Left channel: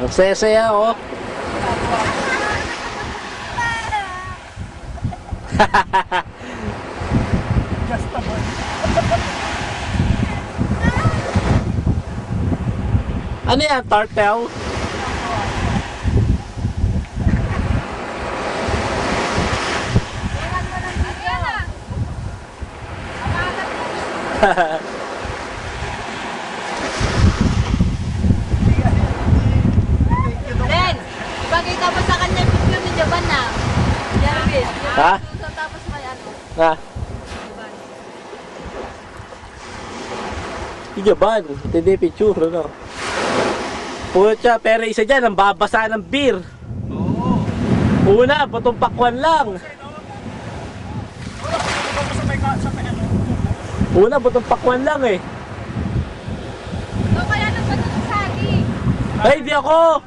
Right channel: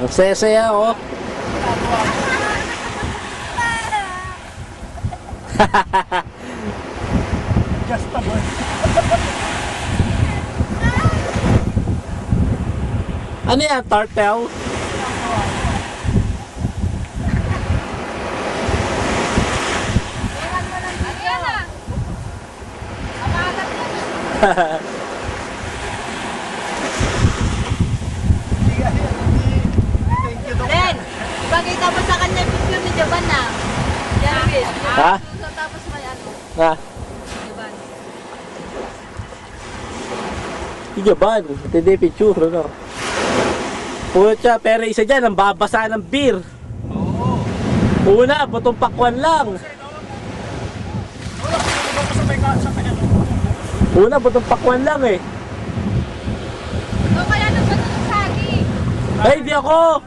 Ang saya-saya, oh. Just a boy. Ano yan, turtle? Ren, ipakita mo sa kanya yung picture ni Jovan na. Yan, Bin. Ha? Tapos may ano, Ha? Jovan. Ijaban, hindi picture, ano? Pucha, pero isa dyan, ang babasa ng beer. Oo. Una, butong pakwan lang. Wala ko sa may ano. Una, butong pakwan lang eh. So, kaya nagbato ng sagi. Ay, di ako!